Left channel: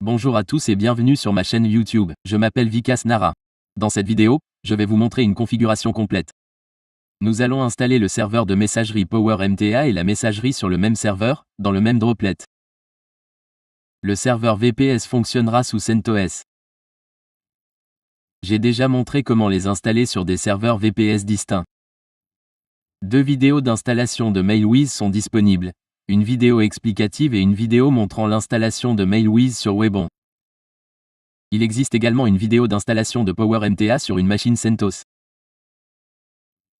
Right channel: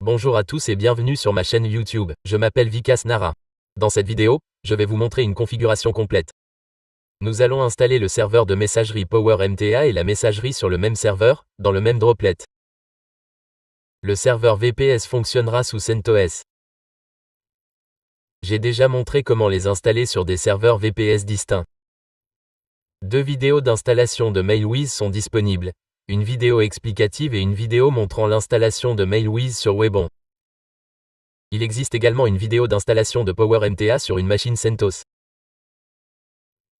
Bonjour à tous et bienvenue sur ma chaîne YouTube, je m'appelle Vikas Nara. Dans cette vidéo, je vais vous montrer une configuration complète. Nous allons installer le serveur de messagerie PowerMTA et la messagerie sur le même serveur, dans le même droplet. Le serveur VPS fonctionnera sous CentOS. J'ai déjà montré comment les installer sur des serveurs VPS distincts. Deux vidéos d'installation de Mailwiz sont disponibles. Une vidéo explicative et une vidéo montrant l'installation de Mailwiz sur Webon. Il existe également une vidéo d'installation de PowerMTA sur une machine CentOS.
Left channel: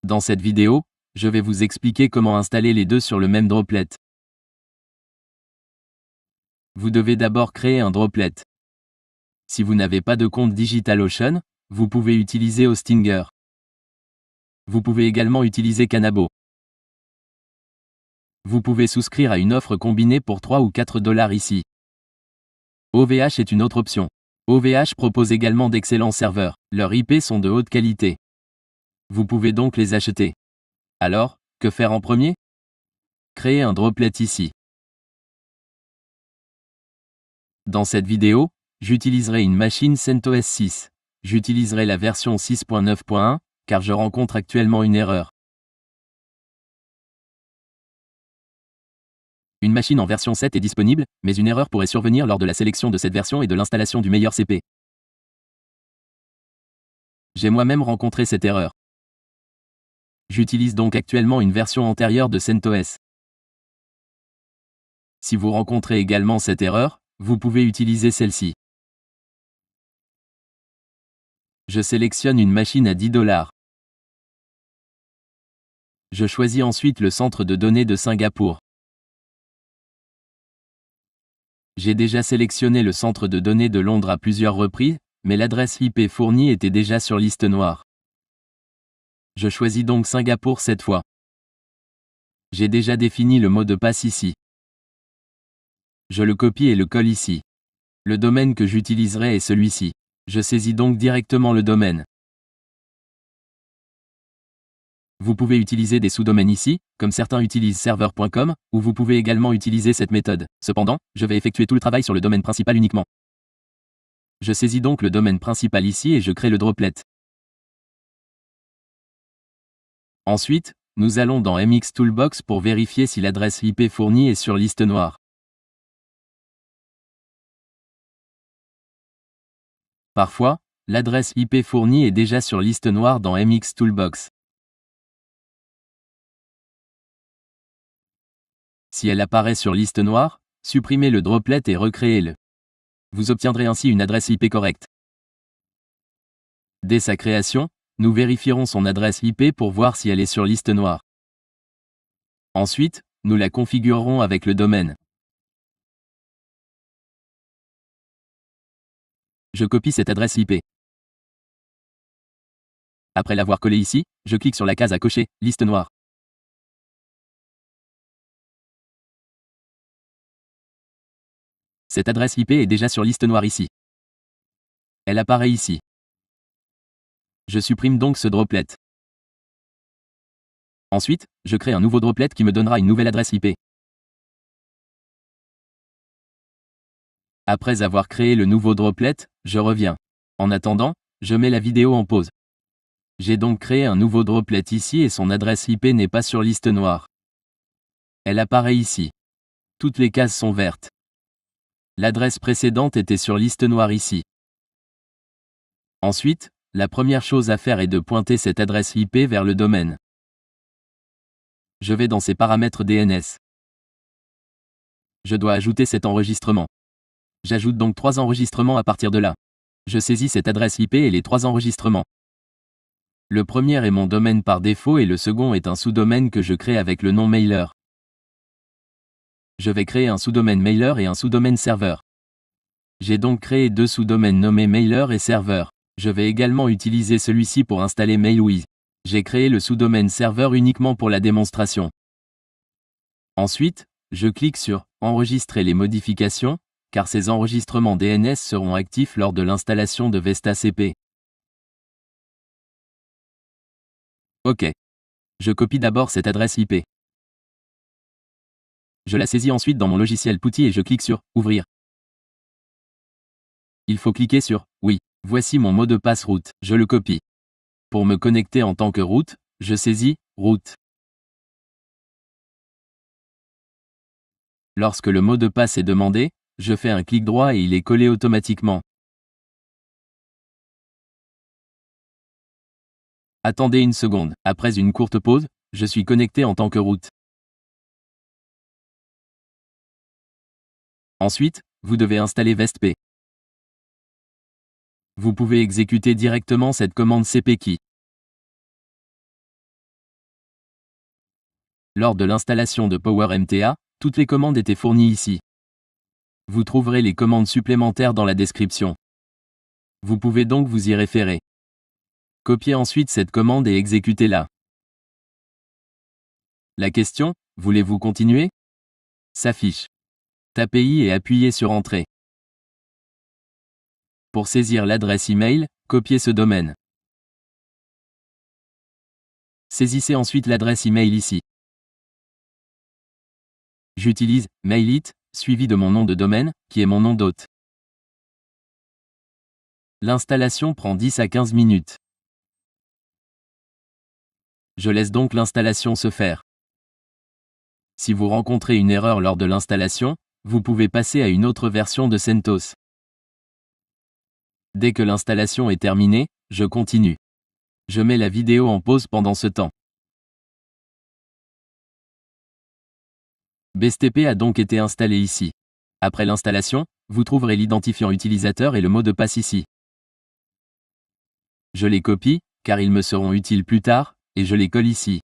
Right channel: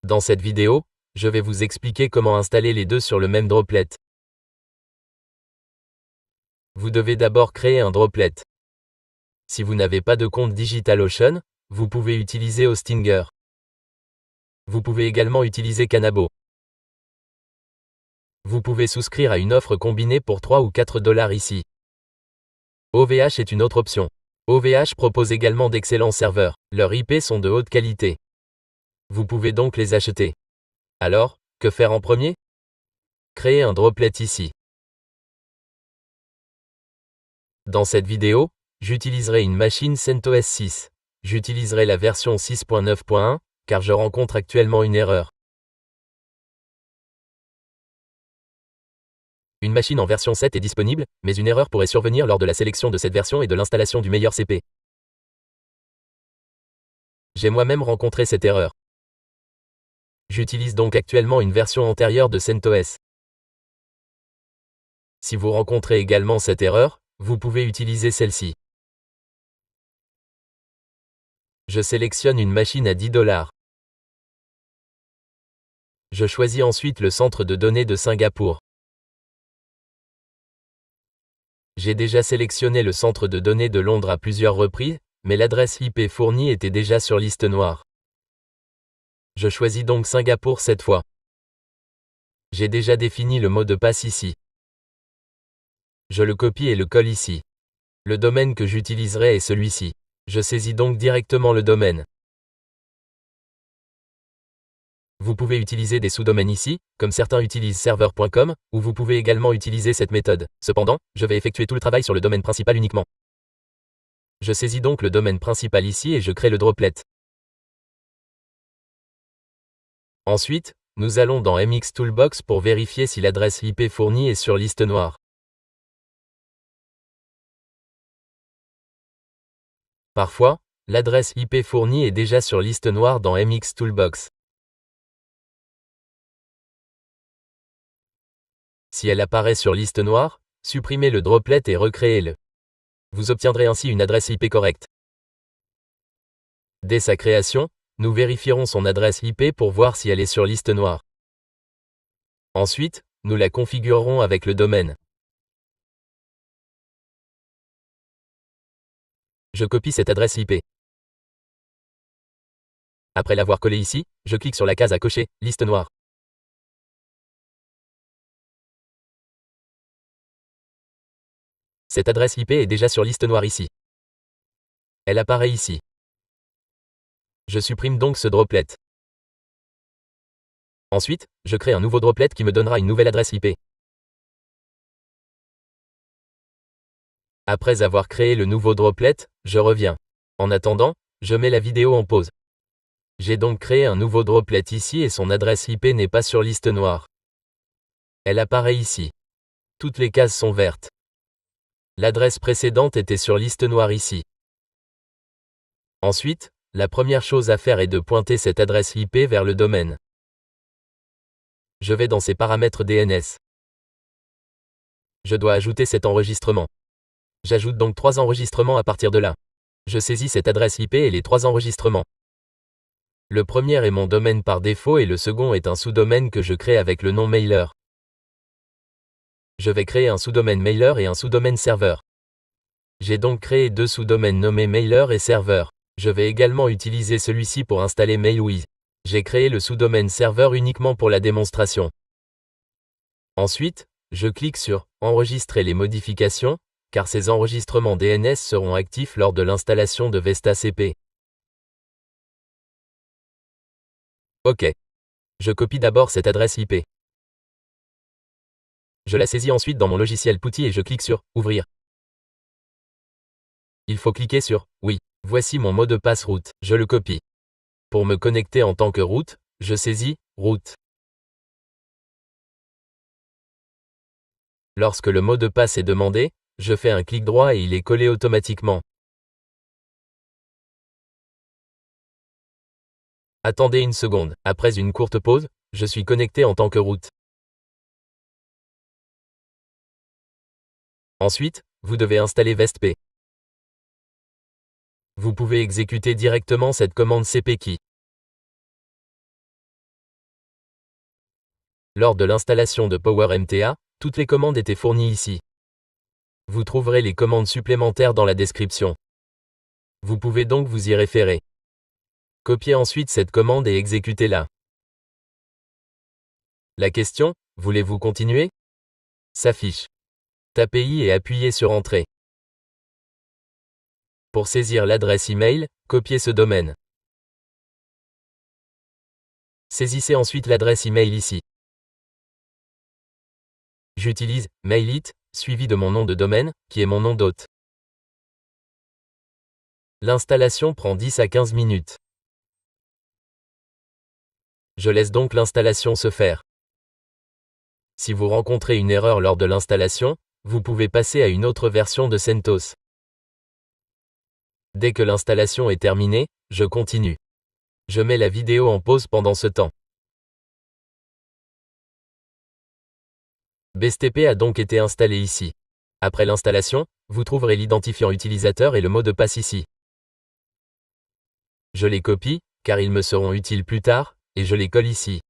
Dans cette vidéo, je vais vous expliquer comment installer les deux sur le même droplet. Vous devez d'abord créer un droplet. Si vous n'avez pas de compte DigitalOcean, vous pouvez utiliser Hostinger. Vous pouvez également utiliser Canabo. Vous pouvez souscrire à une offre combinée pour 3 ou 4 $ ici. OVH est une autre option. OVH propose également d'excellents serveurs, leurs IP sont de haute qualité. Vous pouvez donc les acheter. Alors, que faire en premier? Créer un droplet ici. Dans cette vidéo, j'utiliserai une machine CentOS 6. J'utiliserai la version 6.9.1, car je rencontre actuellement une erreur. Une machine en version 7 est disponible, mais une erreur pourrait survenir lors de la sélection de cette version et de l'installation du meilleur CP. J'ai moi-même rencontré cette erreur. J'utilise donc actuellement une version antérieure de CentOS. Si vous rencontrez également cette erreur, vous pouvez utiliser celle-ci. Je sélectionne une machine à 10 $. Je choisis ensuite le centre de données de Singapour. J'ai déjà sélectionné le centre de données de Londres à plusieurs reprises, mais l'adresse IP fournie était déjà sur liste noire. Je choisis donc Singapour cette fois. J'ai déjà défini le mot de passe ici. Je le copie et le colle ici. Le domaine que j'utiliserai est celui-ci. Je saisis donc directement le domaine. Vous pouvez utiliser des sous-domaines ici, comme certains utilisent serveur.com, ou vous pouvez également utiliser cette méthode. Cependant, je vais effectuer tout le travail sur le domaine principal uniquement. Je saisis donc le domaine principal ici et je crée le droplet. Ensuite, nous allons dans MX Toolbox pour vérifier si l'adresse IP fournie est sur liste noire. Parfois, l'adresse IP fournie est déjà sur liste noire dans MX Toolbox. Si elle apparaît sur liste noire, supprimez le droplet et recréez-le. Vous obtiendrez ainsi une adresse IP correcte. Dès sa création, nous vérifierons son adresse IP pour voir si elle est sur liste noire. Ensuite, nous la configurerons avec le domaine. Je copie cette adresse IP. Après l'avoir collée ici, je clique sur la case à cocher, liste noire. Cette adresse IP est déjà sur liste noire ici. Elle apparaît ici. Je supprime donc ce droplet. Ensuite, je crée un nouveau droplet qui me donnera une nouvelle adresse IP. Après avoir créé le nouveau droplet, je reviens. En attendant, je mets la vidéo en pause. J'ai donc créé un nouveau droplet ici et son adresse IP n'est pas sur liste noire. Elle apparaît ici. Toutes les cases sont vertes. L'adresse précédente était sur liste noire ici. Ensuite, la première chose à faire est de pointer cette adresse IP vers le domaine. Je vais dans ses paramètres DNS. Je dois ajouter cet enregistrement. J'ajoute donc 3 enregistrements à partir de là. Je saisis cette adresse IP et les 3 enregistrements. Le premier est mon domaine par défaut et le second est un sous-domaine que je crée avec le nom mailer. Je vais créer un sous-domaine mailer et un sous-domaine serveur. J'ai donc créé 2 sous-domaines nommés mailer et serveur. Je vais également utiliser celui-ci pour installer Mailwiz. J'ai créé le sous-domaine serveur uniquement pour la démonstration. Ensuite, je clique sur « Enregistrer les modifications », car ces enregistrements DNS seront actifs lors de l'installation de VestaCP. OK. Je copie d'abord cette adresse IP. Je la saisis ensuite dans mon logiciel PuTTY et je clique sur « Ouvrir ». Il faut cliquer sur « Oui ». Voici mon mot de passe route, je le copie. Pour me connecter en tant que route, je saisis « Route ». Lorsque le mot de passe est demandé, je fais un clic droit et il est collé automatiquement. Attendez une seconde. Après une courte pause, je suis connecté en tant que route. Ensuite, vous devez installer VestP. Vous pouvez exécuter directement cette commande cpkey. Lors de l'installation de PowerMTA, toutes les commandes étaient fournies ici. Vous trouverez les commandes supplémentaires dans la description. Vous pouvez donc vous y référer. Copiez ensuite cette commande et exécutez-la. La question, voulez-vous continuer? S'affiche. Tapez I et appuyez sur Entrée. Pour saisir l'adresse email, copiez ce domaine. Saisissez ensuite l'adresse email ici. J'utilise Mailit, suivi de mon nom de domaine, qui est mon nom d'hôte. L'installation prend 10 à 15 minutes. Je laisse donc l'installation se faire. Si vous rencontrez une erreur lors de l'installation, vous pouvez passer à une autre version de CentOS. Dès que l'installation est terminée, je continue. Je mets la vidéo en pause pendant ce temps. BSTP a donc été installé ici. Après l'installation, vous trouverez l'identifiant utilisateur et le mot de passe ici. Je les copie, car ils me seront utiles plus tard, et je les colle ici.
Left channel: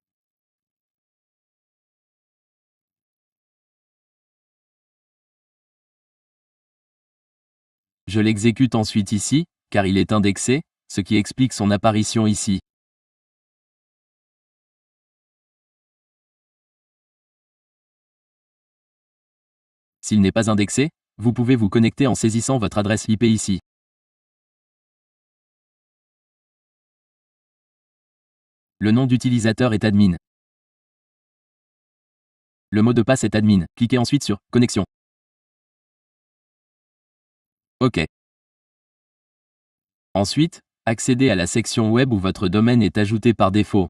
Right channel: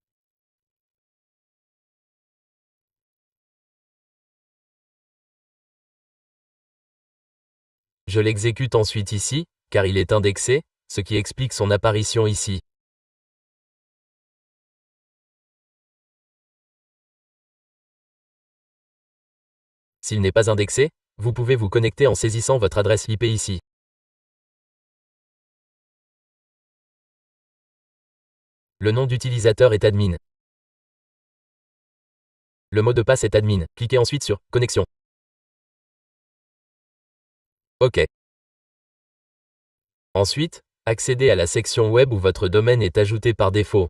Je l'exécute ensuite ici, car il est indexé, ce qui explique son apparition ici. S'il n'est pas indexé, vous pouvez vous connecter en saisissant votre adresse IP ici. Le nom d'utilisateur est admin. Le mot de passe est admin. Cliquez ensuite sur « Connexion ». OK. Ensuite, accédez à la section web où votre domaine est ajouté par défaut.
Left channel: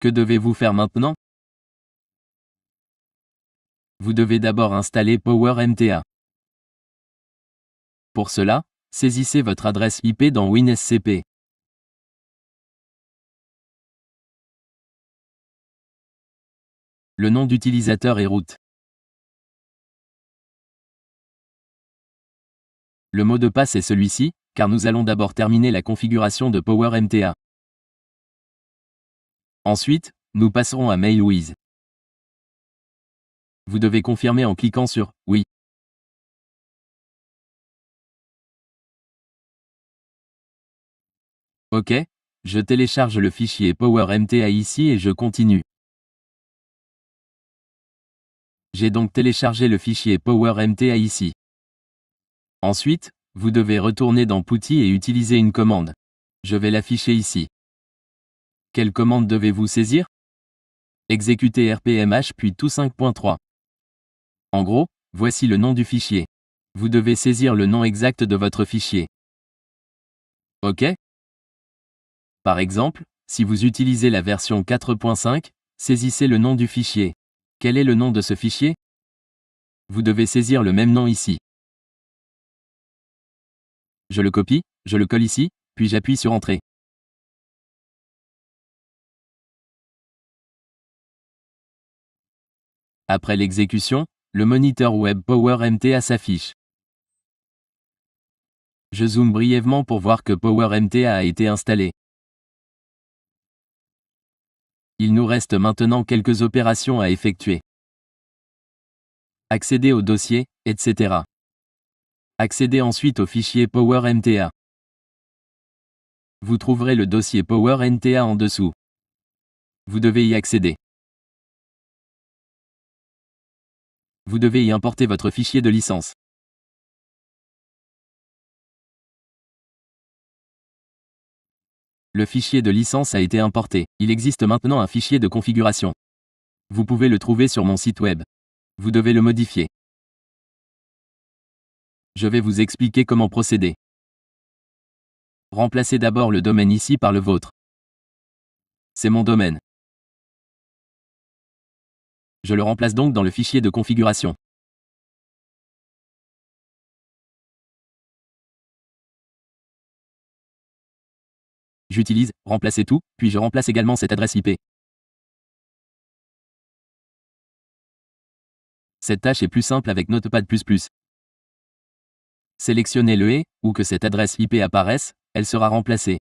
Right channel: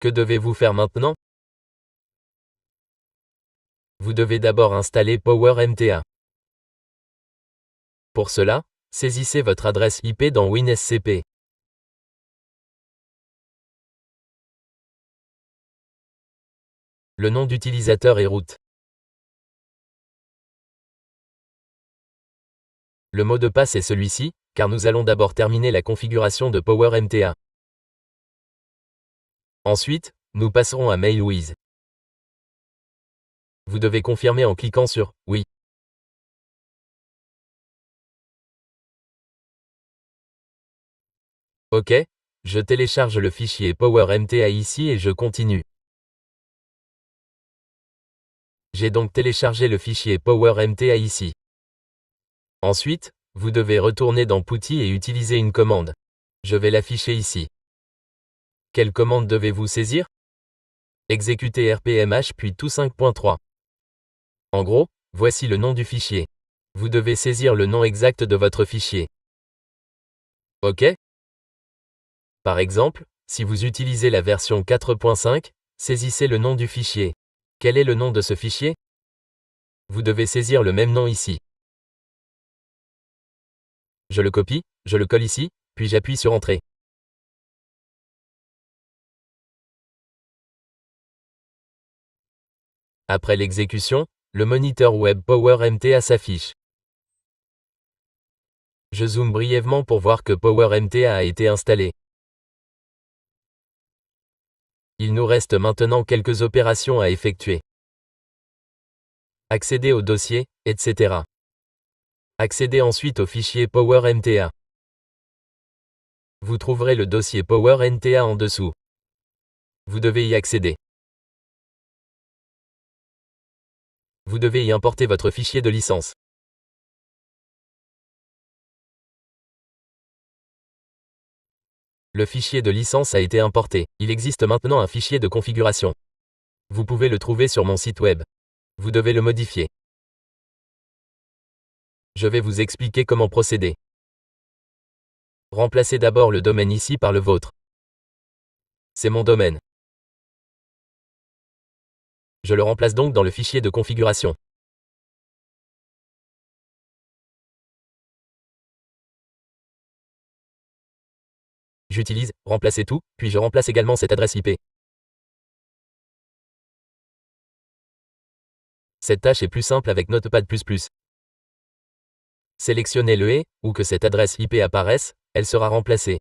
Que devez-vous faire maintenant? Vous devez d'abord installer PowerMTA. Pour cela, saisissez votre adresse IP dans WinSCP. Le nom d'utilisateur est root. Le mot de passe est celui-ci, car nous allons d'abord terminer la configuration de PowerMTA. Ensuite, nous passerons à MailWiz. Vous devez confirmer en cliquant sur « Oui ». OK, je télécharge le fichier PowerMTA ici et je continue. J'ai donc téléchargé le fichier PowerMTA ici. Ensuite, vous devez retourner dans PuTTY et utiliser une commande. Je vais l'afficher ici. Quelle commande devez-vous saisir? Exécuter rpmh puis tout 5.3. En gros, voici le nom du fichier. Vous devez saisir le nom exact de votre fichier. OK? Par exemple, si vous utilisez la version 4.5, saisissez le nom du fichier. Quel est le nom de ce fichier? Vous devez saisir le même nom ici. Je le copie, je le colle ici, puis j'appuie sur Entrée. Après l'exécution, le moniteur web PowerMTA s'affiche. Je zoome brièvement pour voir que PowerMTA a été installé. Il nous reste maintenant quelques opérations à effectuer. Accéder au dossier, etc. Accédez ensuite au fichier PowerMTA. Vous trouverez le dossier PowerMTA en dessous. Vous devez y accéder. Vous devez y importer votre fichier de licence. Le fichier de licence a été importé. Il existe maintenant un fichier de configuration. Vous pouvez le trouver sur mon site web. Vous devez le modifier. Je vais vous expliquer comment procéder. Remplacez d'abord le domaine ici par le vôtre. C'est mon domaine. Je le remplace donc dans le fichier de configuration. J'utilise « Remplacer tout », puis je remplace également cette adresse IP. Cette tâche est plus simple avec Notepad++. Sélectionnez le « et » ou que cette adresse IP apparaisse, elle sera remplacée.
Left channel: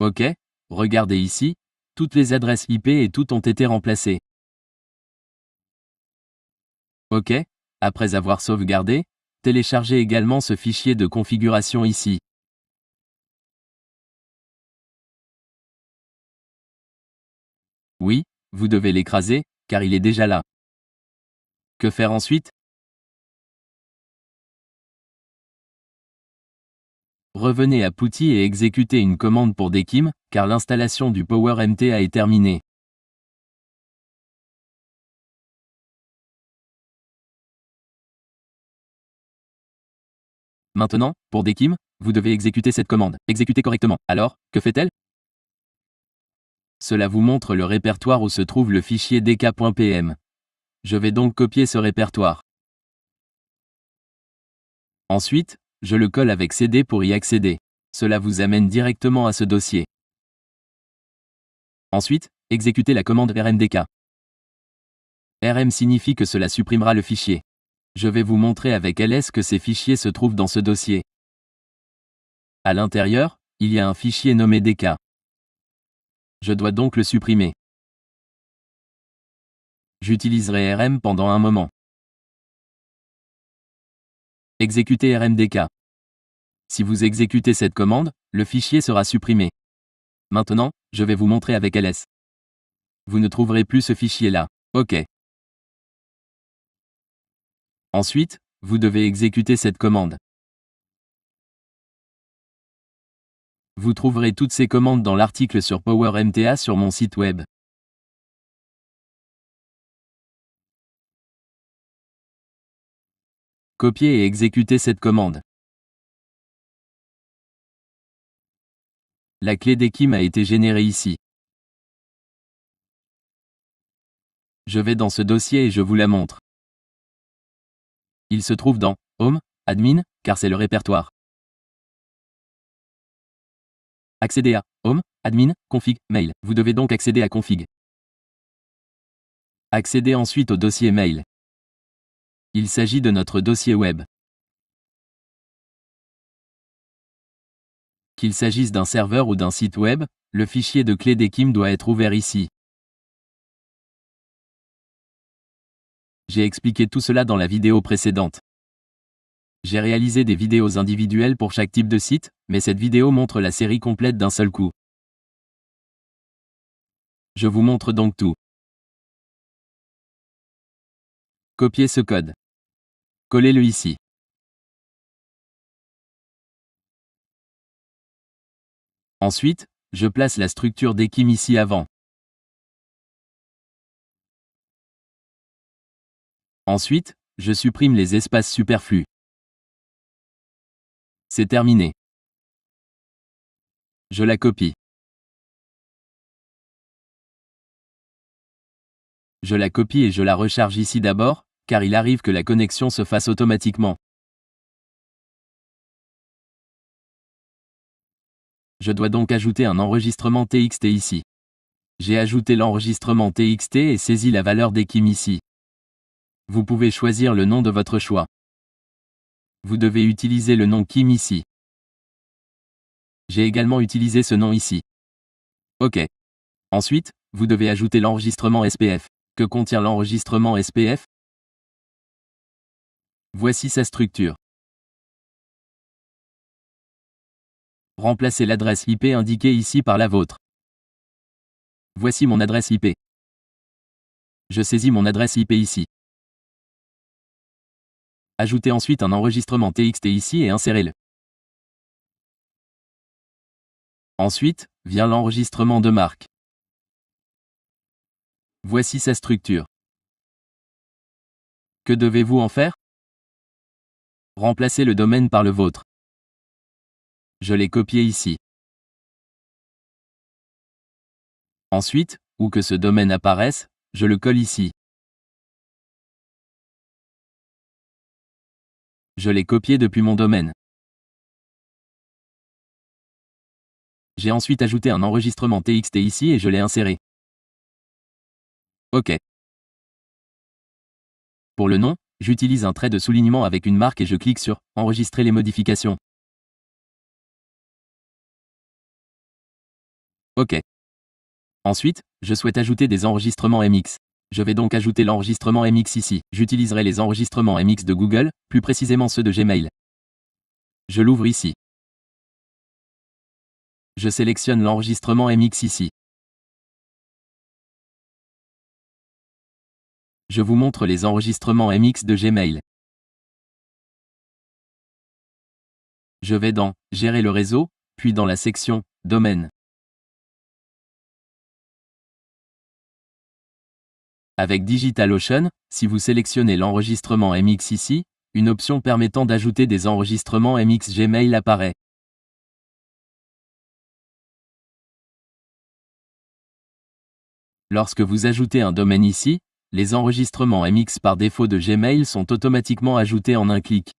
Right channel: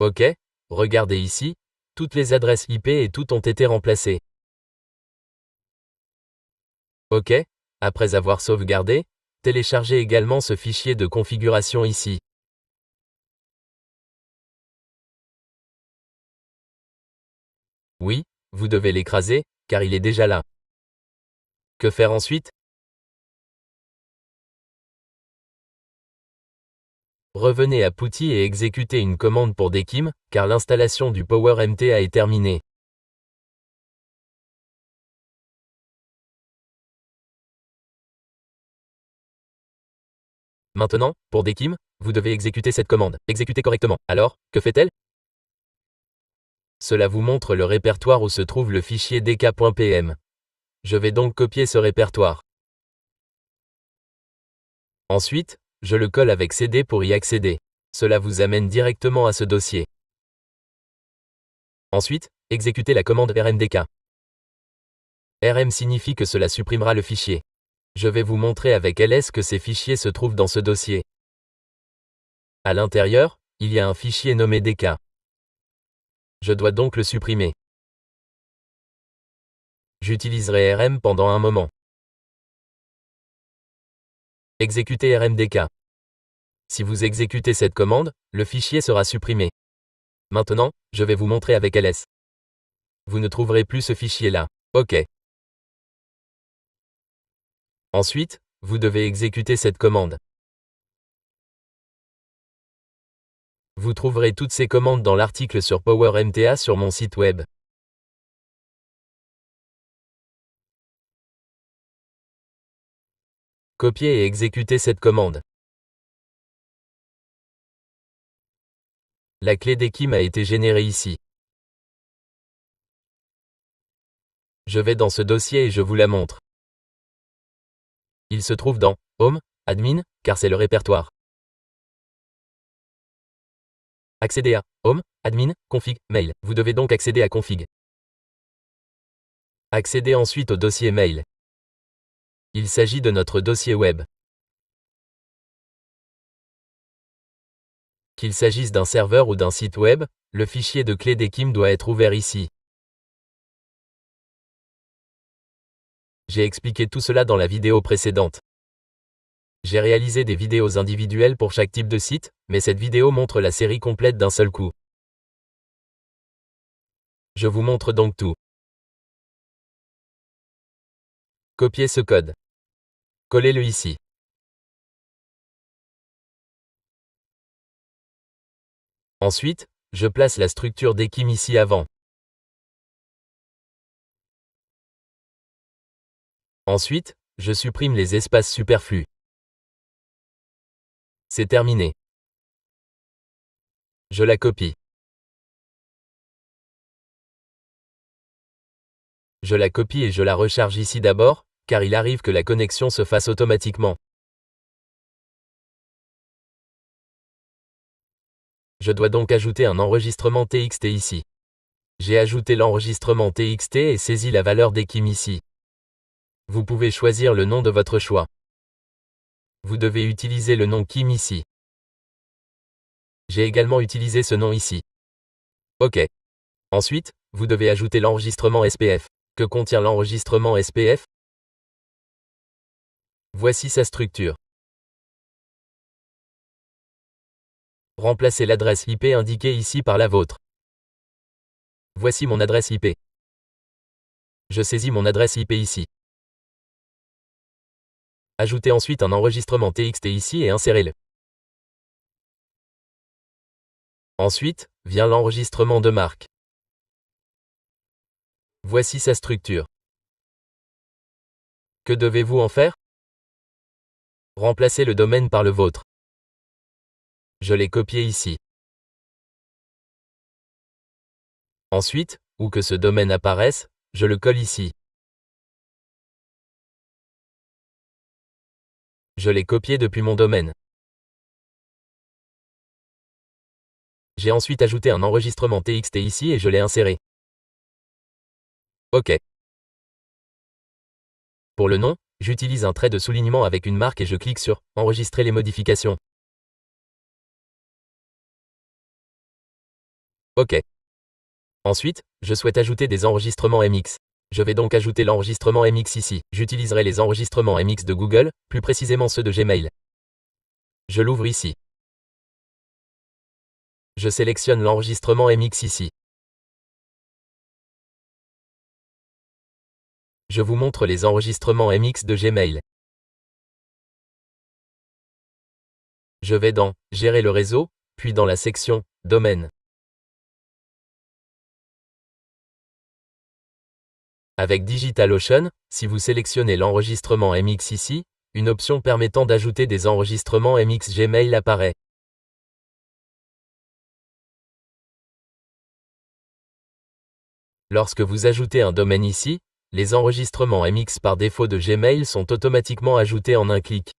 OK, regardez ici, toutes les adresses IP et toutes ont été remplacées. OK, après avoir sauvegardé, téléchargez également ce fichier de configuration ici. Oui, vous devez l'écraser, car il est déjà là. Que faire ensuite? Revenez à PuTTY et exécutez une commande pour Dekim, car l'installation du PowerMTA est terminée. Maintenant, pour Dekim, vous devez exécuter cette commande. Exécutez correctement. Alors, que fait-elle? Cela vous montre le répertoire où se trouve le fichier dk.pm. Je vais donc copier ce répertoire. Ensuite, je le colle avec CD pour y accéder. Cela vous amène directement à ce dossier. Ensuite, exécutez la commande rmdk. rm signifie que cela supprimera le fichier. Je vais vous montrer avec ls que ces fichiers se trouvent dans ce dossier. À l'intérieur, il y a un fichier nommé dk. Je dois donc le supprimer. J'utiliserai rm pendant un moment. Exécutez rmdk. Si vous exécutez cette commande, le fichier sera supprimé. Maintenant, je vais vous montrer avec ls. Vous ne trouverez plus ce fichier-là. OK. Ensuite, vous devez exécuter cette commande. Vous trouverez toutes ces commandes dans l'article sur PowerMTA sur mon site web. Copiez et exécutez cette commande. La clé Dekim a été générée ici. Je vais dans ce dossier et je vous la montre. Il se trouve dans Home, Admin, car c'est le répertoire. Accédez à Home, Admin, Config, Mail. Vous devez donc accéder à Config. Accédez ensuite au dossier Mail. Il s'agit de notre dossier web. Qu'il s'agisse d'un serveur ou d'un site web, le fichier de clé Dekim doit être ouvert ici. J'ai expliqué tout cela dans la vidéo précédente. J'ai réalisé des vidéos individuelles pour chaque type de site, mais cette vidéo montre la série complète d'un seul coup. Je vous montre donc tout. Copiez ce code. Collez-le ici. Ensuite, je place la structure Dekim ici avant. Ensuite, je supprime les espaces superflus. C'est terminé. Je la copie. Je la copie et je la recharge ici d'abord, car il arrive que la connexion se fasse automatiquement. Je dois donc ajouter un enregistrement TXT ici. J'ai ajouté l'enregistrement TXT et saisi la valeur Dekim ici. Vous pouvez choisir le nom de votre choix. Vous devez utiliser le nom Kim ici. J'ai également utilisé ce nom ici. OK. Ensuite, vous devez ajouter l'enregistrement SPF. Que contient l'enregistrement SPF? Voici sa structure. Remplacez l'adresse IP indiquée ici par la vôtre. Voici mon adresse IP. Je saisis mon adresse IP ici. Ajoutez ensuite un enregistrement TXT ici et insérez-le. Ensuite, vient l'enregistrement de marque. Voici sa structure. Que devez-vous en faire? Remplacez le domaine par le vôtre. Je l'ai copié ici. Ensuite, où que ce domaine apparaisse, je le colle ici. Je l'ai copié depuis mon domaine. J'ai ensuite ajouté un enregistrement TXT ici et je l'ai inséré. OK. Pour le nom, j'utilise un trait de soulignement avec une marque et je clique sur « Enregistrer les modifications ». OK. Ensuite, je souhaite ajouter des enregistrements MX. Je vais donc ajouter l'enregistrement MX ici. J'utiliserai les enregistrements MX de Google, plus précisément ceux de Gmail. Je l'ouvre ici. Je sélectionne l'enregistrement MX ici. Je vous montre les enregistrements MX de Gmail. Je vais dans « Gérer le réseau », puis dans la section « Domaine ». Avec DigitalOcean, si vous sélectionnez l'enregistrement MX ici, une option permettant d'ajouter des enregistrements MX Gmail apparaît. Lorsque vous ajoutez un domaine ici, les enregistrements MX par défaut de Gmail sont automatiquement ajoutés en un clic.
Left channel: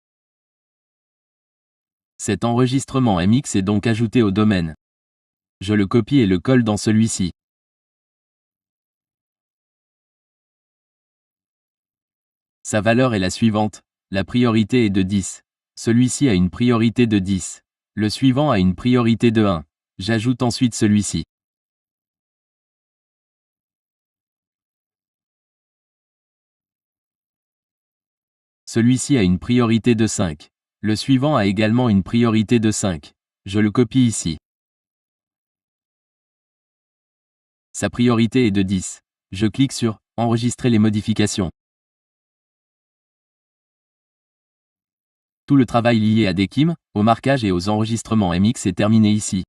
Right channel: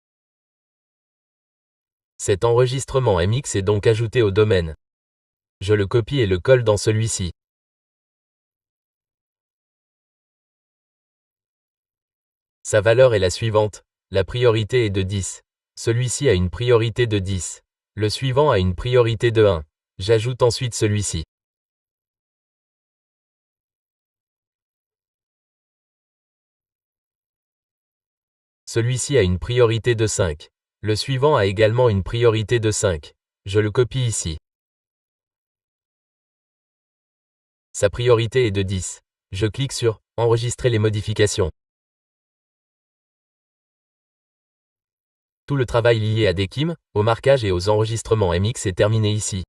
Cet enregistrement MX est donc ajouté au domaine. Je le copie et le colle dans celui-ci. Sa valeur est la suivante. La priorité est de 10. Celui-ci a une priorité de 10. Le suivant a une priorité de 1. J'ajoute ensuite celui-ci. Celui-ci a une priorité de 5. Le suivant a également une priorité de 5. Je le copie ici. Sa priorité est de 10. Je clique sur « Enregistrer les modifications ». Tout le travail lié à Dekim, au marquage et aux enregistrements MX est terminé ici.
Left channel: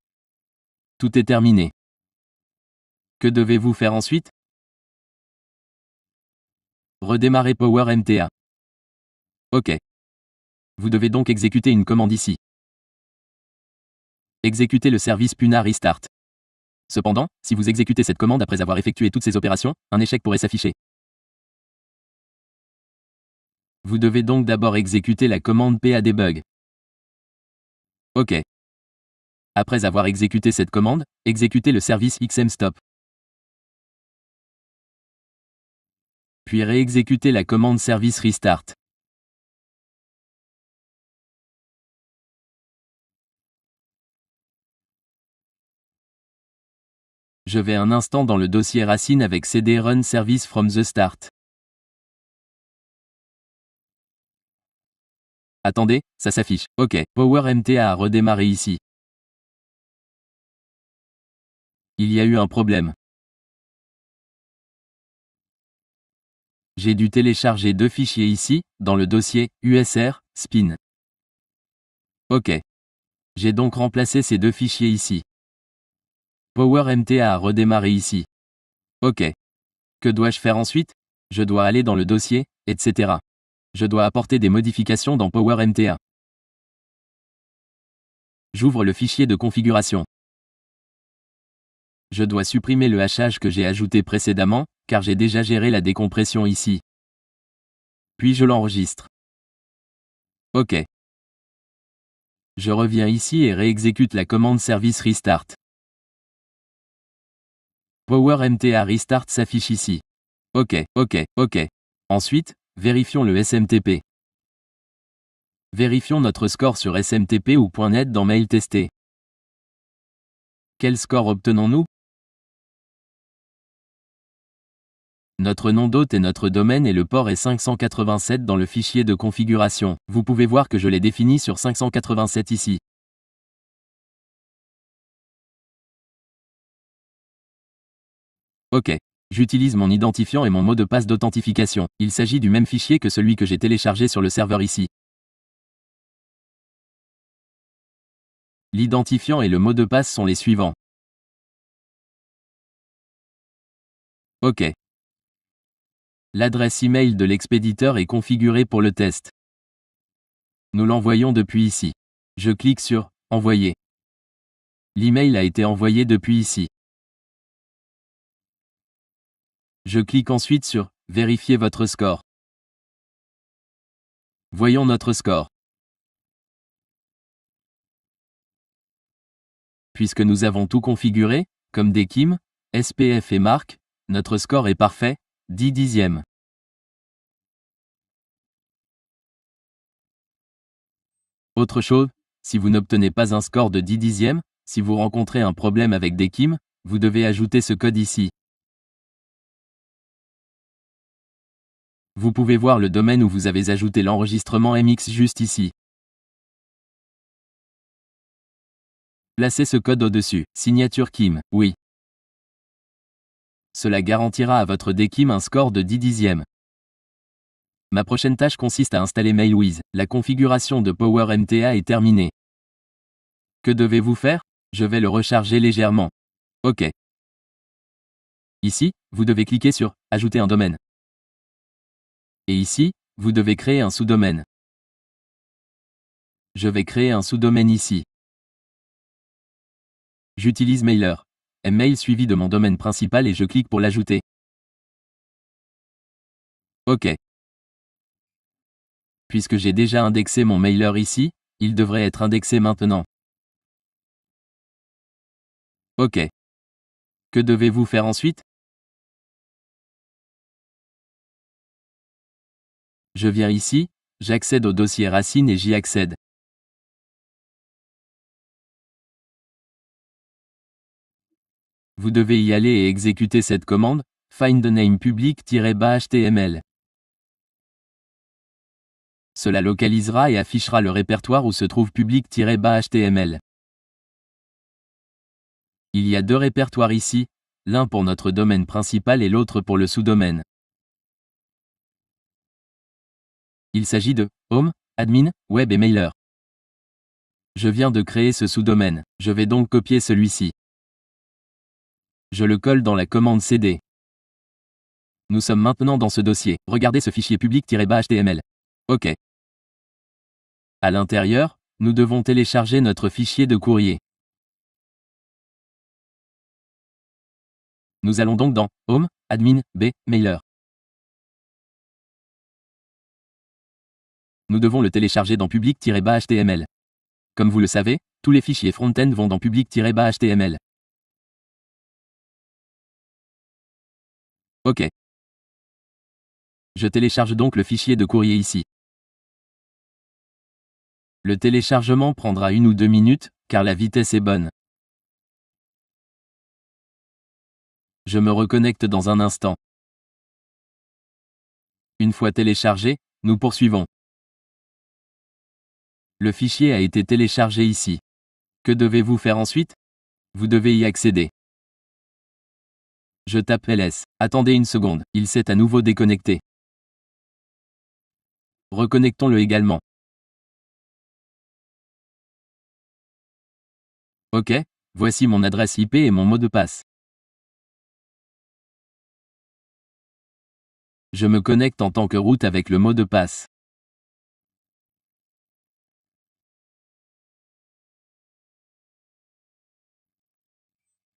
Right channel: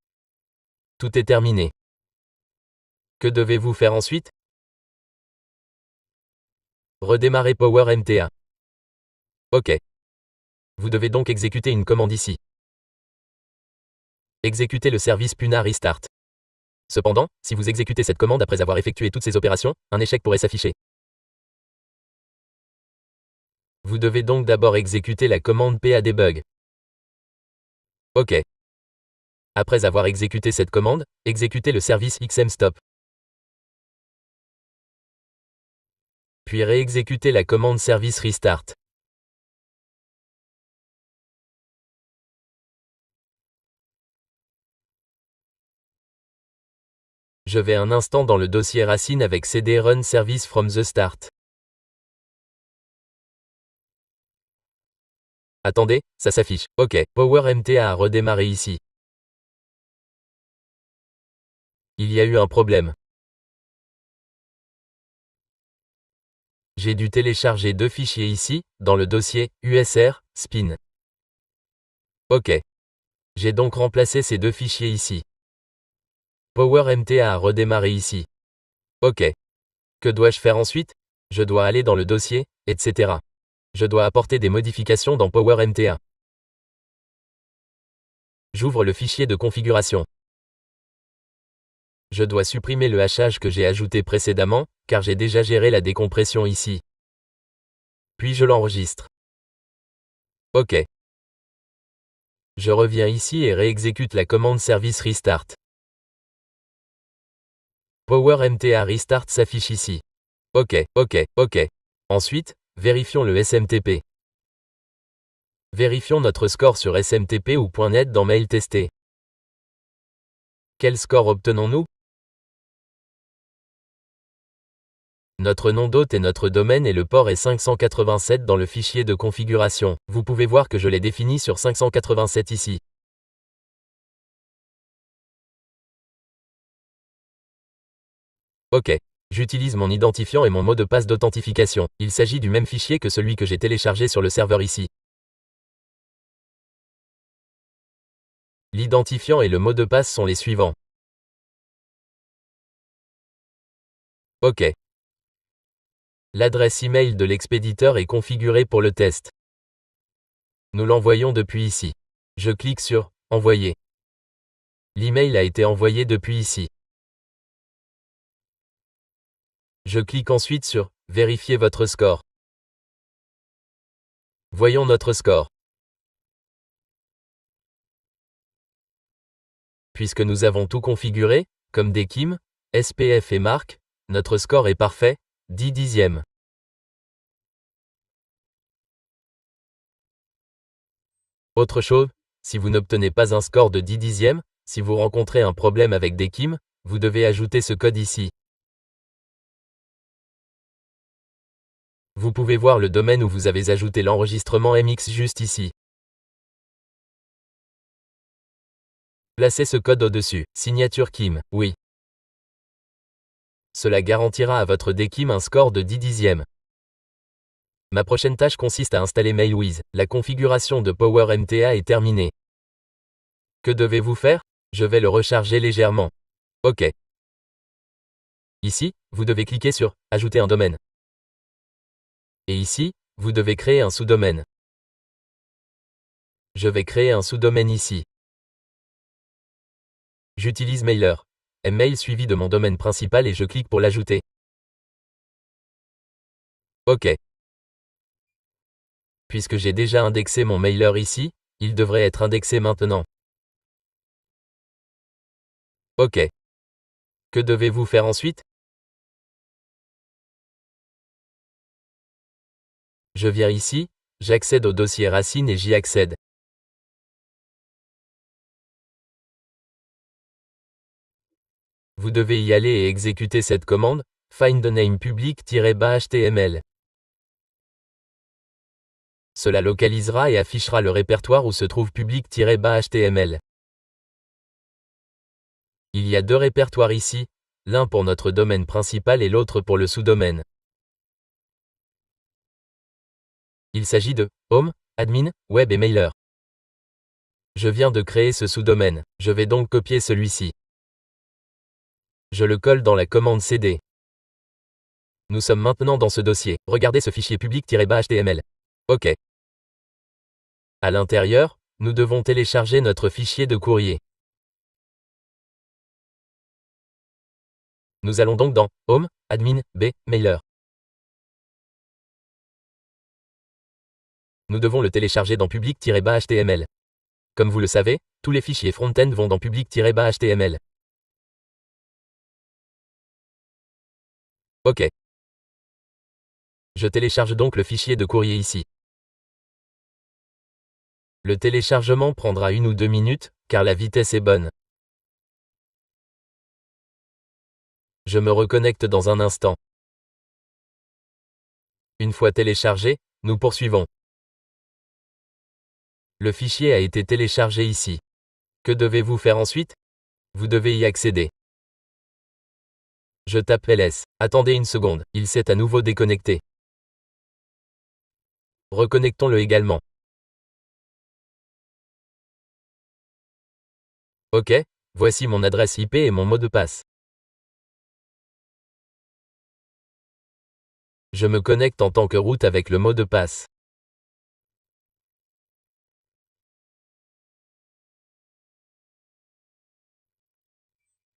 Tout est terminé. Que devez-vous faire ensuite? Redémarrer Power MTA. OK. Vous devez donc exécuter une commande ici. Exécuter le service Puna Restart. Cependant, si vous exécutez cette commande après avoir effectué toutes ces opérations, un échec pourrait s'afficher. Vous devez donc d'abord exécuter la commande PADebug. OK. Après avoir exécuté cette commande, exécutez le service XMStop. Puis réexécutez la commande service Restart. Je vais un instant dans le dossier racine avec cd run service from the start. Attendez, ça s'affiche. OK, Power MTA a redémarré ici. Il y a eu un problème. J'ai dû télécharger deux fichiers ici, dans le dossier USR, spin. OK. J'ai donc remplacé ces deux fichiers ici. Power MTA a redémarré ici. OK. Que dois-je faire ensuite? Je dois aller dans le dossier, etc. Je dois apporter des modifications dans Power MTA. J'ouvre le fichier de configuration. Je dois supprimer le hachage que j'ai ajouté précédemment, car j'ai déjà géré la décompression ici. Puis je l'enregistre. OK. Je reviens ici et réexécute la commande service restart. Power MTA Restart s'affiche ici. OK. Ensuite, vérifions le SMTP. Vérifions notre score sur SMTP ou .net dans Mail testé. Quel score obtenons-nous? Notre nom d'hôte et notre domaine et le port est 587 dans le fichier de configuration. Vous pouvez voir que je l'ai défini sur 587 ici. OK. J'utilise mon identifiant et mon mot de passe d'authentification. Il s'agit du même fichier que celui que j'ai téléchargé sur le serveur ici. L'identifiant et le mot de passe sont les suivants. OK. L'adresse email de l'expéditeur est configurée pour le test. Nous l'envoyons depuis ici. Je clique sur « Envoyer ». L'email a été envoyé depuis ici. Je clique ensuite sur « Vérifier votre score ». Voyons notre score. Puisque nous avons tout configuré, comme DKIM, SPF et marque, notre score est parfait, 10 dixièmes. Autre chose, si vous n'obtenez pas un score de 10 dixièmes, si vous rencontrez un problème avec DKIM, vous devez ajouter ce code ici. Vous pouvez voir le domaine où vous avez ajouté l'enregistrement MX juste ici. Placez ce code au-dessus. Signature KIM, oui. Cela garantira à votre DKIM un score de 10 dixièmes. Ma prochaine tâche consiste à installer MailWiz. La configuration de PowerMTA est terminée. Que devez-vous faire? Je vais le recharger légèrement. OK. Ici, vous devez cliquer sur « Ajouter un domaine ». Et ici, vous devez créer un sous-domaine. Je vais créer un sous-domaine ici. J'utilise Mailer. Mail suivi de mon domaine principal et je clique pour l'ajouter. OK. Puisque j'ai déjà indexé mon mailer ici, il devrait être indexé maintenant. OK. Que devez-vous faire ensuite? Je viens ici, j'accède au dossier racine et j'y accède. Vous devez y aller et exécuter cette commande, find the name public-html. Cela localisera et affichera le répertoire où se trouve public-html. Il y a deux répertoires ici, l'un pour notre domaine principal et l'autre pour le sous-domaine. Il s'agit de Home, Admin, Web et Mailer. Je viens de créer ce sous-domaine, je vais donc copier celui-ci. Je le colle dans la commande cd. Nous sommes maintenant dans ce dossier. Regardez ce fichier public-html. OK. À l'intérieur, nous devons télécharger notre fichier de courrier. Nous allons donc dans Home, Admin, B, Mailer. Nous devons le télécharger dans public-html. Comme vous le savez, tous les fichiers front-end vont dans public-html. OK. Je télécharge donc le fichier de courrier ici. Le téléchargement prendra 1 ou 2 minutes, car la vitesse est bonne. Je me reconnecte dans un instant. Une fois téléchargé, nous poursuivons. Le fichier a été téléchargé ici. Que devez-vous faire ensuite? Vous devez y accéder. Je tape ls. Attendez une seconde, il s'est à nouveau déconnecté. Reconnectons-le également. OK, voici mon adresse IP et mon mot de passe. Je me connecte en tant que root avec le mot de passe.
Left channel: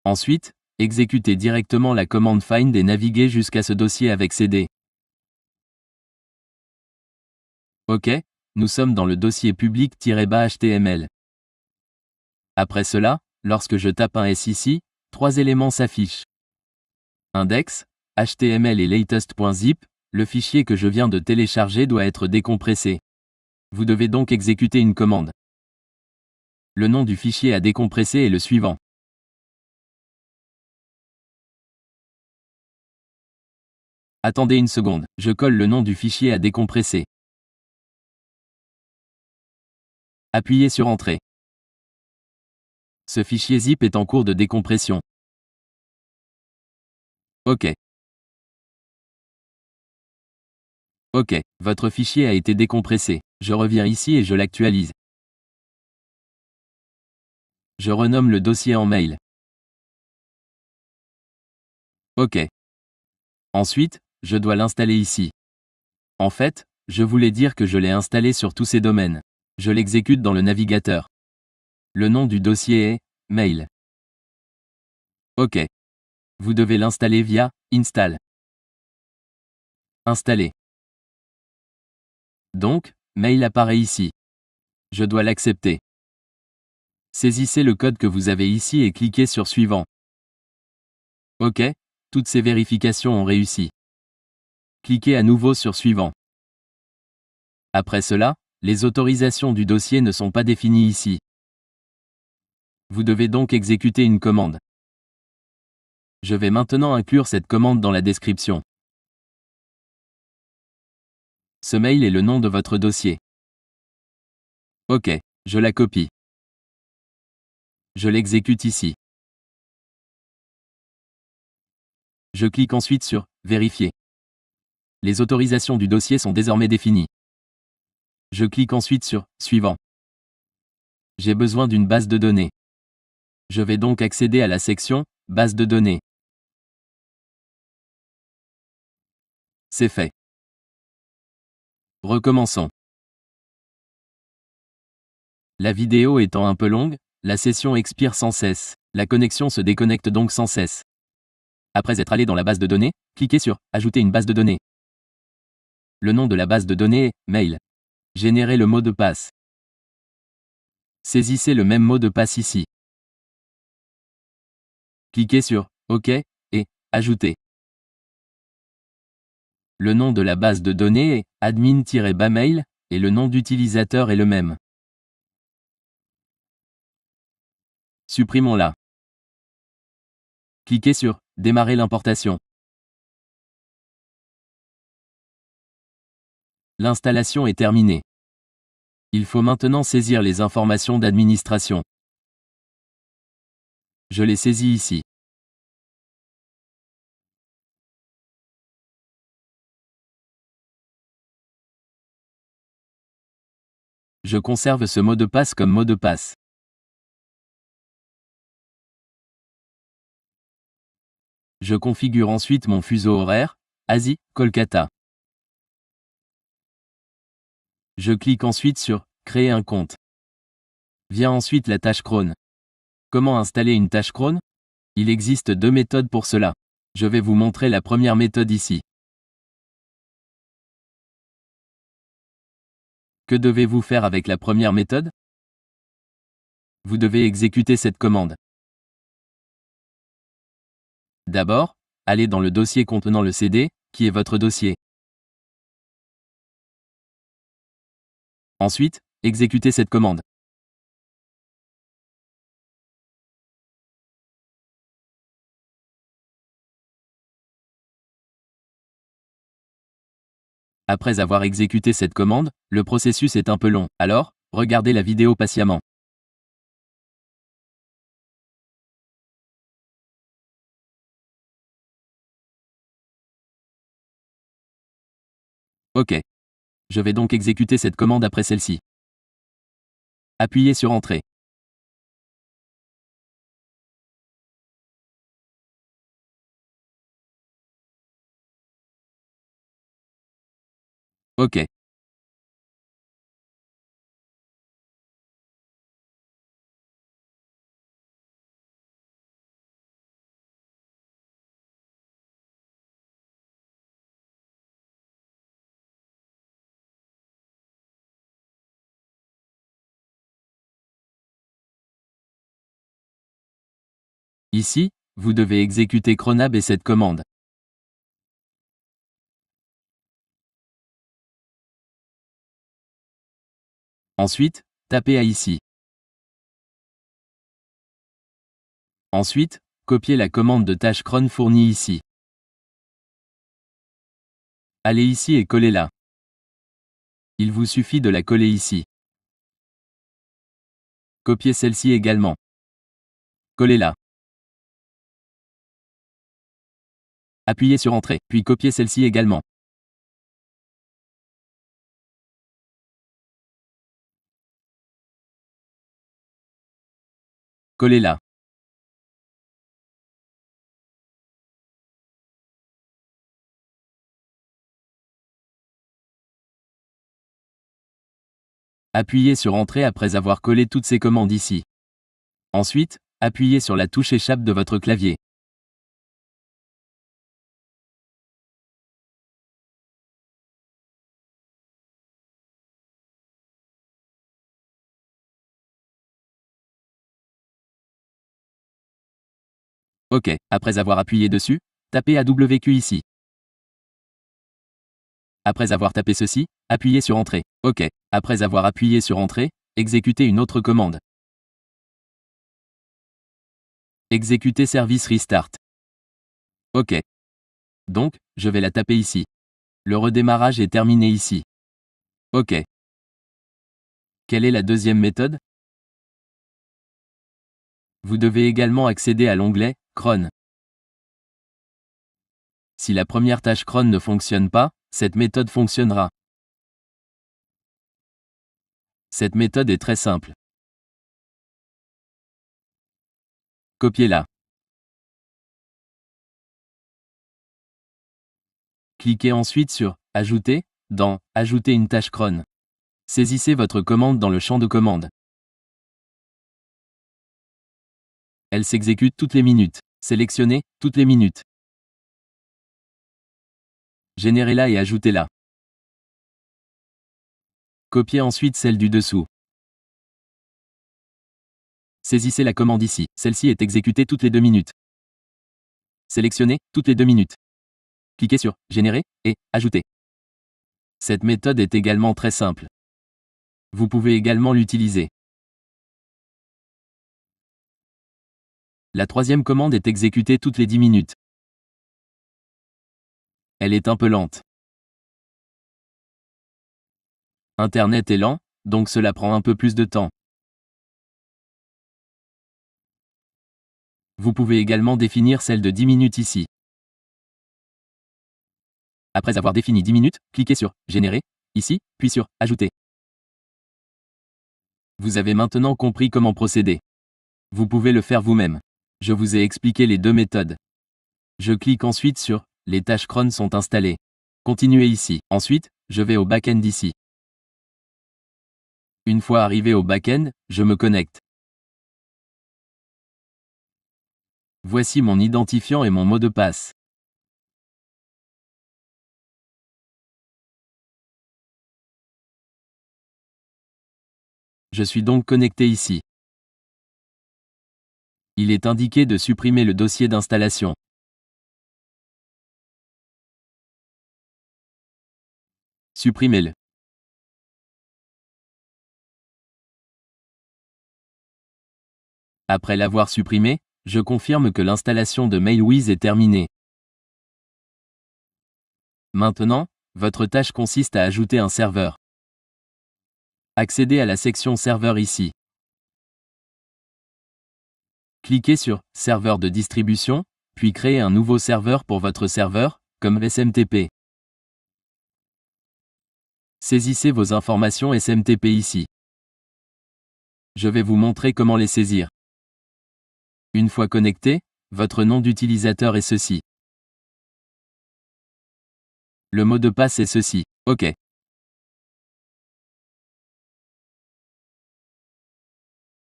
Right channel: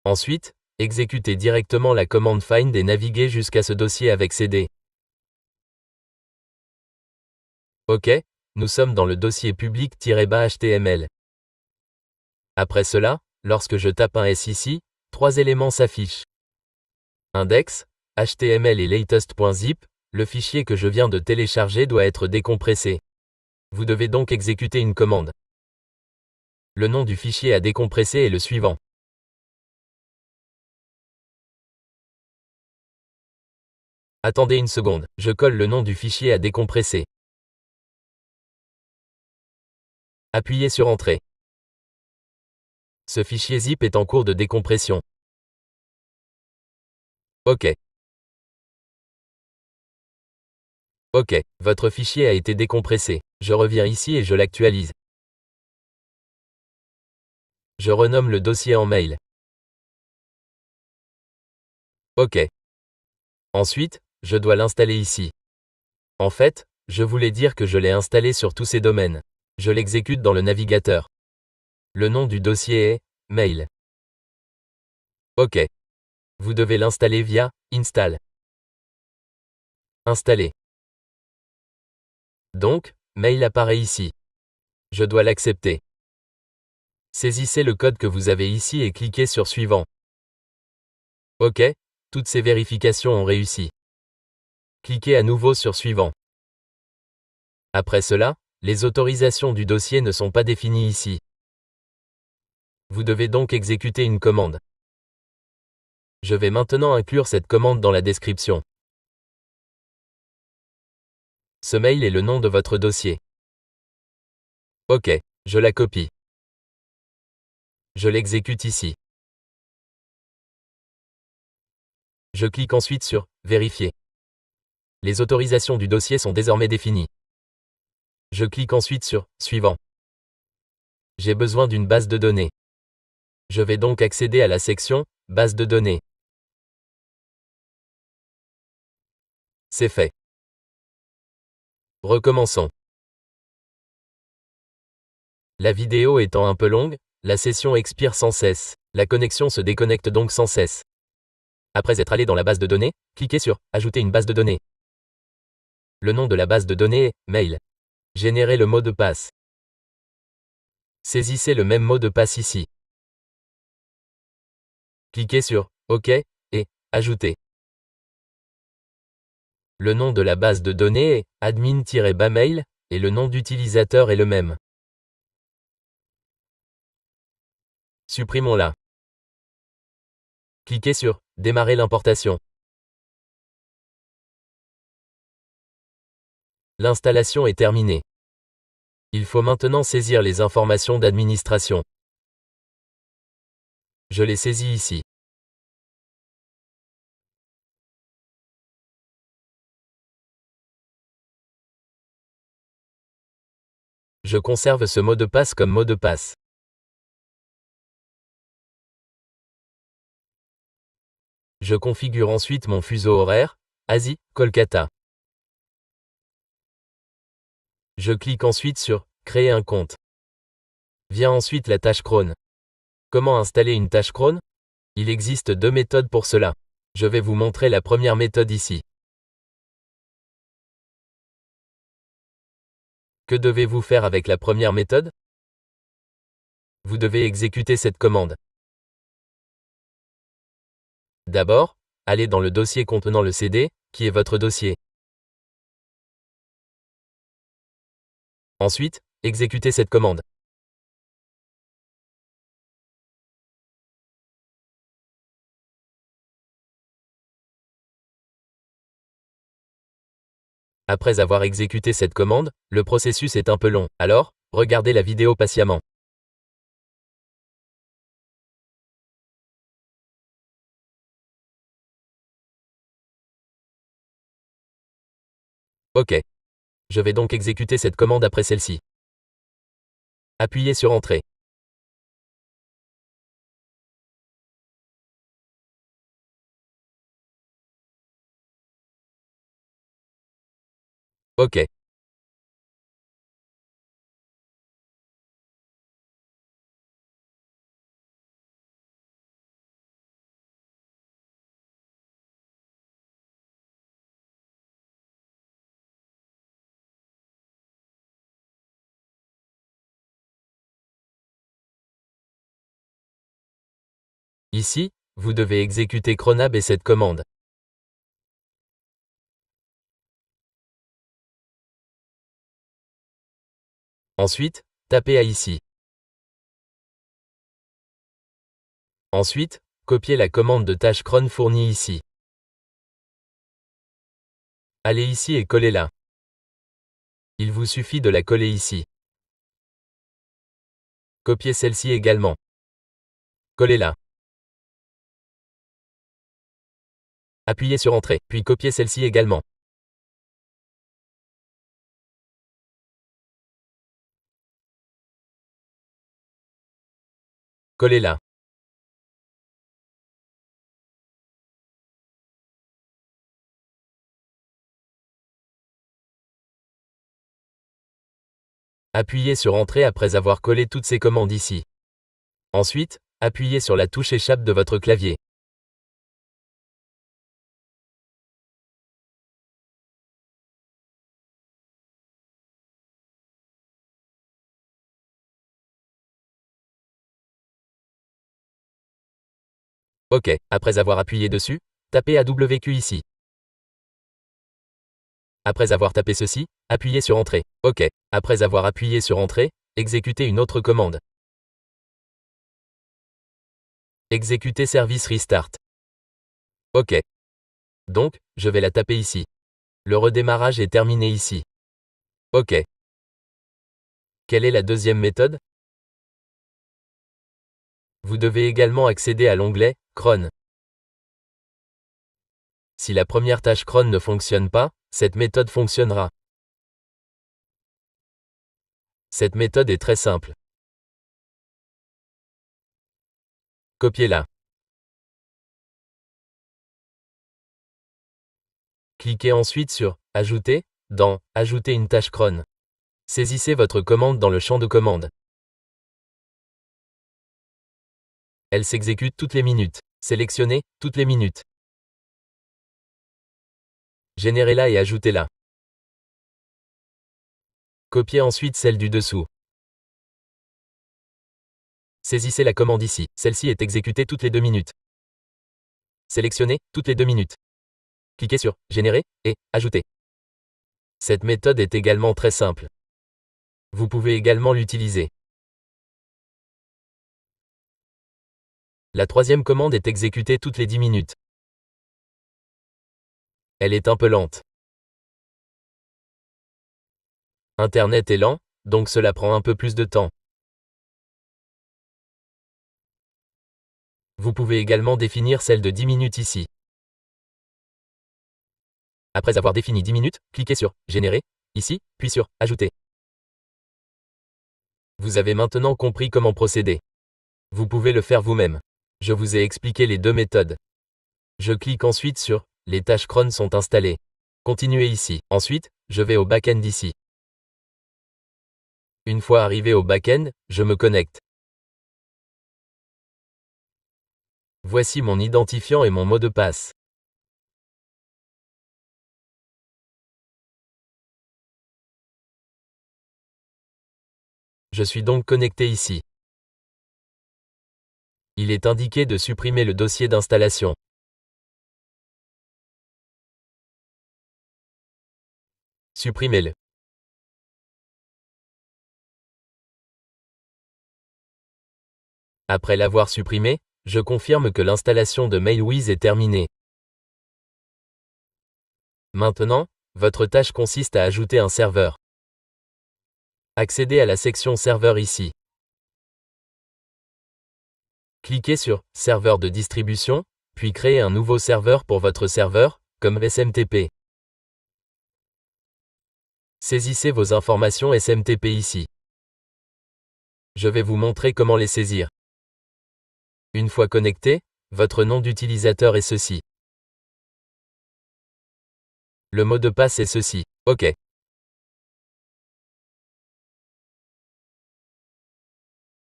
Ensuite, exécutez directement la commande find et naviguez jusqu'à ce dossier avec cd. OK, nous sommes dans le dossier public-html. Après cela, lorsque je tape un S ici, 3 éléments s'affichent. Index, HTML et latest.zip, le fichier que je viens de télécharger doit être décompressé. Vous devez donc exécuter une commande. Le nom du fichier à décompresser est le suivant. Attendez une seconde, je colle le nom du fichier à décompresser. Appuyez sur Entrée. Ce fichier zip est en cours de décompression. OK. OK, votre fichier a été décompressé. Je reviens ici et je l'actualise. Je renomme le dossier en mail. OK. Ensuite, je dois l'installer ici. En fait, je voulais dire que je l'ai installé sur tous ces domaines. Je l'exécute dans le navigateur. Le nom du dossier est « Mail ». OK. Vous devez l'installer via « Install ». Installer. Donc, Mail apparaît ici. Je dois l'accepter. Saisissez le code que vous avez ici et cliquez sur Suivant. OK, toutes ces vérifications ont réussi. Cliquez à nouveau sur Suivant. Après cela, les autorisations du dossier ne sont pas définies ici. Vous devez donc exécuter une commande. Je vais maintenant inclure cette commande dans la description. Ce mail est le nom de votre dossier. OK, je la copie. Je l'exécute ici. Je clique ensuite sur « Vérifier ». Les autorisations du dossier sont désormais définies. Je clique ensuite sur « Suivant ». J'ai besoin d'une base de données. Je vais donc accéder à la section « Base de données ». C'est fait. Recommençons. La vidéo étant un peu longue, la session expire sans cesse. La connexion se déconnecte donc sans cesse. Après être allé dans la base de données, cliquez sur « Ajouter une base de données ». Le nom de la base de données est « Mail ». Générez le mot de passe. Saisissez le même mot de passe ici. Cliquez sur « OK » et « Ajouter ». Le nom de la base de données est « admin-bamail » et le nom d'utilisateur est le même. Supprimons-la. Cliquez sur « Démarrer l'importation ». L'installation est terminée. Il faut maintenant saisir les informations d'administration. Je les saisis ici. Je conserve ce mot de passe comme mot de passe. Je configure ensuite mon fuseau horaire, Asie, Kolkata. Je clique ensuite sur « Créer un compte ». Vient ensuite la tâche cron. Comment installer une tâche cron? Il existe deux méthodes pour cela. Je vais vous montrer la première méthode ici. Que devez-vous faire avec la première méthode? Vous devez exécuter cette commande. D'abord, allez dans le dossier contenant le CD, qui est votre dossier. Ensuite, exécutez cette commande. Après avoir exécuté cette commande, le processus est un peu long, alors, regardez la vidéo patiemment. OK. Je vais donc exécuter cette commande après celle-ci. Appuyez sur Entrée. OK. Ici, vous devez exécuter cronab et cette commande. Ensuite, tapez à ici. Ensuite, copiez la commande de tâche cron fournie ici. Allez ici et collez-la. Il vous suffit de la coller ici. Copiez celle-ci également. Collez-la. Appuyez sur Entrée, puis copiez celle-ci également. Collez-la. Appuyez sur Entrée après avoir collé toutes ces commandes ici. Ensuite, appuyez sur la touche Échappe de votre clavier. OK, après avoir appuyé dessus, tapez AWQ ici. Après avoir tapé ceci, appuyez sur Entrée. OK, après avoir appuyé sur Entrée, exécutez une autre commande. Exécuter service restart. OK. Donc, je vais la taper ici. Le redémarrage est terminé ici. OK. Quelle est la deuxième méthode? Vous devez également accéder à l'onglet Cron. Si la première tâche cron ne fonctionne pas, cette méthode fonctionnera. Cette méthode est très simple. Copiez-la. Cliquez ensuite sur Ajouter dans Ajouter une tâche cron. Saisissez votre commande dans le champ de commande. Elle s'exécute toutes les minutes. Sélectionnez toutes les minutes. Générez-la et ajoutez-la. Copiez ensuite celle du dessous. Saisissez la commande ici. Celle-ci est exécutée toutes les 2 minutes. Sélectionnez toutes les 2 minutes. Cliquez sur Générer et Ajouter. Cette méthode est également très simple. Vous pouvez également l'utiliser. La troisième commande est exécutée toutes les 10 minutes. Elle est un peu lente. Internet est lent, donc cela prend un peu plus de temps. Vous pouvez également définir celle de 10 minutes ici. Après avoir défini 10 minutes, cliquez sur Générer, ici, puis sur Ajouter. Vous avez maintenant compris comment procéder. Vous pouvez le faire vous-même. Je vous ai expliqué les deux méthodes. Je clique ensuite sur Les tâches cron sont installées. Continuez ici. Ensuite, je vais au back-end ici. Une fois arrivé au back-end, je me connecte. Voici mon identifiant et mon mot de passe. Je suis donc connecté ici. Il est indiqué de supprimer le dossier d'installation. Supprimez-le. Après l'avoir supprimé, je confirme que l'installation de MailWiz est terminée. Maintenant, votre tâche consiste à ajouter un serveur. Accédez à la section Serveur ici. Cliquez sur Serveur de distribution, puis créez un nouveau serveur pour votre serveur, comme SMTP. Saisissez vos informations SMTP ici. Je vais vous montrer comment les saisir. Une fois connecté, votre nom d'utilisateur est ceci. Le mot de passe est ceci. OK.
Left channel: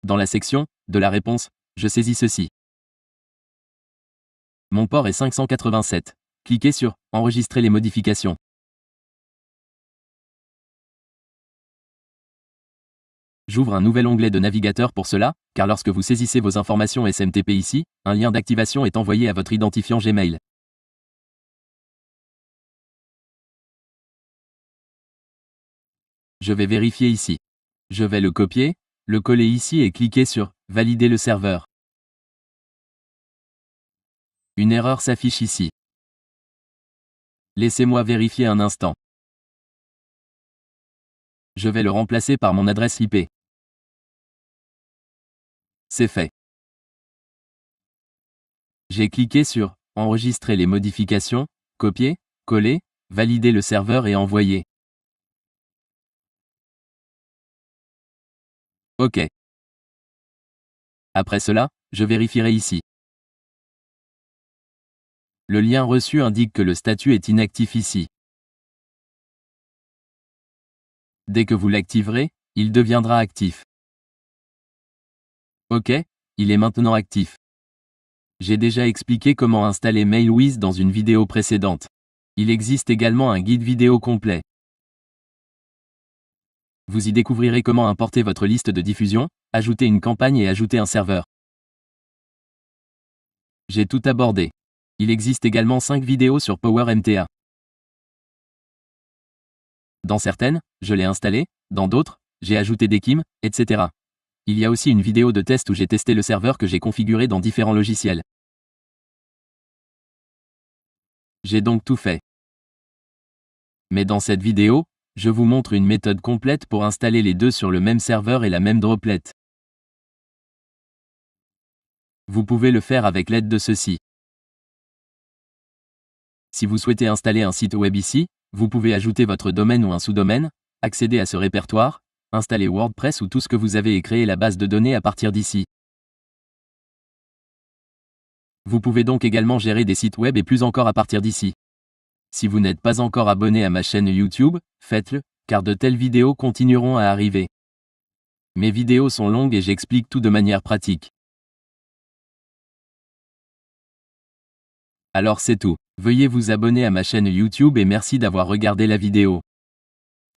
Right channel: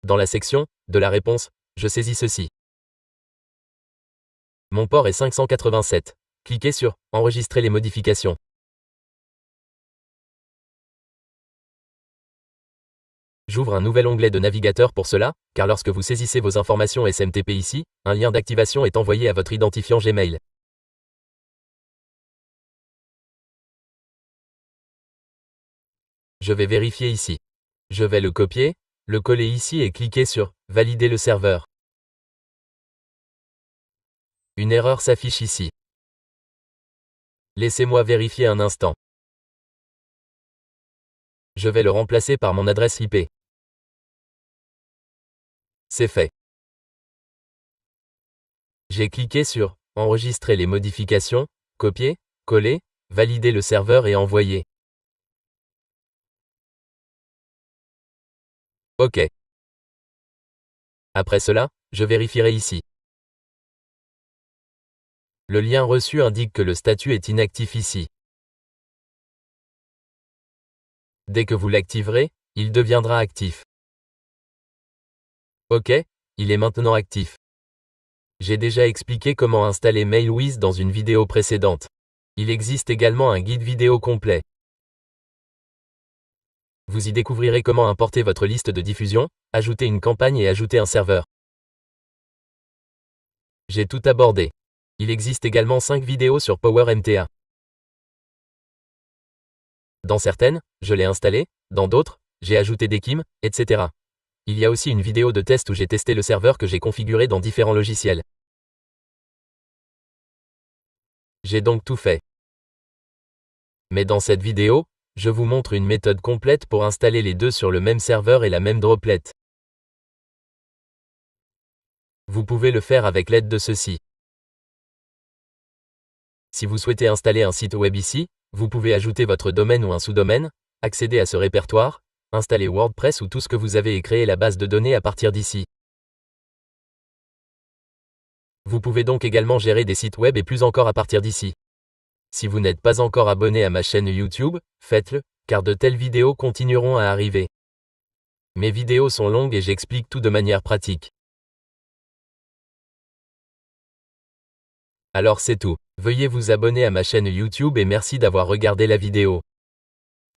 Dans la section de la réponse, je saisis ceci. Mon port est 587. Cliquez sur Enregistrer les modifications. J'ouvre un nouvel onglet de navigateur pour cela, car lorsque vous saisissez vos informations SMTP ici, un lien d'activation est envoyé à votre identifiant Gmail. Je vais vérifier ici. Je vais le copier, le coller ici et cliquer sur Valider le serveur. Une erreur s'affiche ici. Laissez-moi vérifier un instant. Je vais le remplacer par mon adresse IP. C'est fait. J'ai cliqué sur Enregistrer les modifications, copier, coller, valider le serveur et envoyer. OK. Après cela, je vérifierai ici. Le lien reçu indique que le statut est inactif ici. Dès que vous l'activerez, Il deviendra actif. Ok, il est maintenant actif. J'ai déjà expliqué comment installer MailWiz dans une vidéo précédente. Il existe également un guide vidéo complet. Vous y découvrirez comment importer votre liste de diffusion, ajouter une campagne et ajouter un serveur. J'ai tout abordé. Il existe également 5 vidéos sur PowerMTA. Dans certaines, je l'ai installé, dans d'autres, j'ai ajouté des KIM, etc. Il y a aussi une vidéo de test où j'ai testé le serveur que j'ai configuré dans différents logiciels. J'ai donc tout fait. Mais dans cette vidéo, je vous montre une méthode complète pour installer les deux sur le même serveur et la même droplet. Vous pouvez le faire avec l'aide de ceci. Si vous souhaitez installer un site web ici, vous pouvez ajouter votre domaine ou un sous-domaine, accéder à ce répertoire, installer WordPress ou tout ce que vous avez et créer la base de données à partir d'ici. Vous pouvez donc également gérer des sites web et plus encore à partir d'ici. Si vous n'êtes pas encore abonné à ma chaîne YouTube, faites-le, car de telles vidéos continueront à arriver. Mes vidéos sont longues et j'explique tout de manière pratique. Alors c'est tout. Veuillez vous abonner à ma chaîne YouTube et merci d'avoir regardé la vidéo.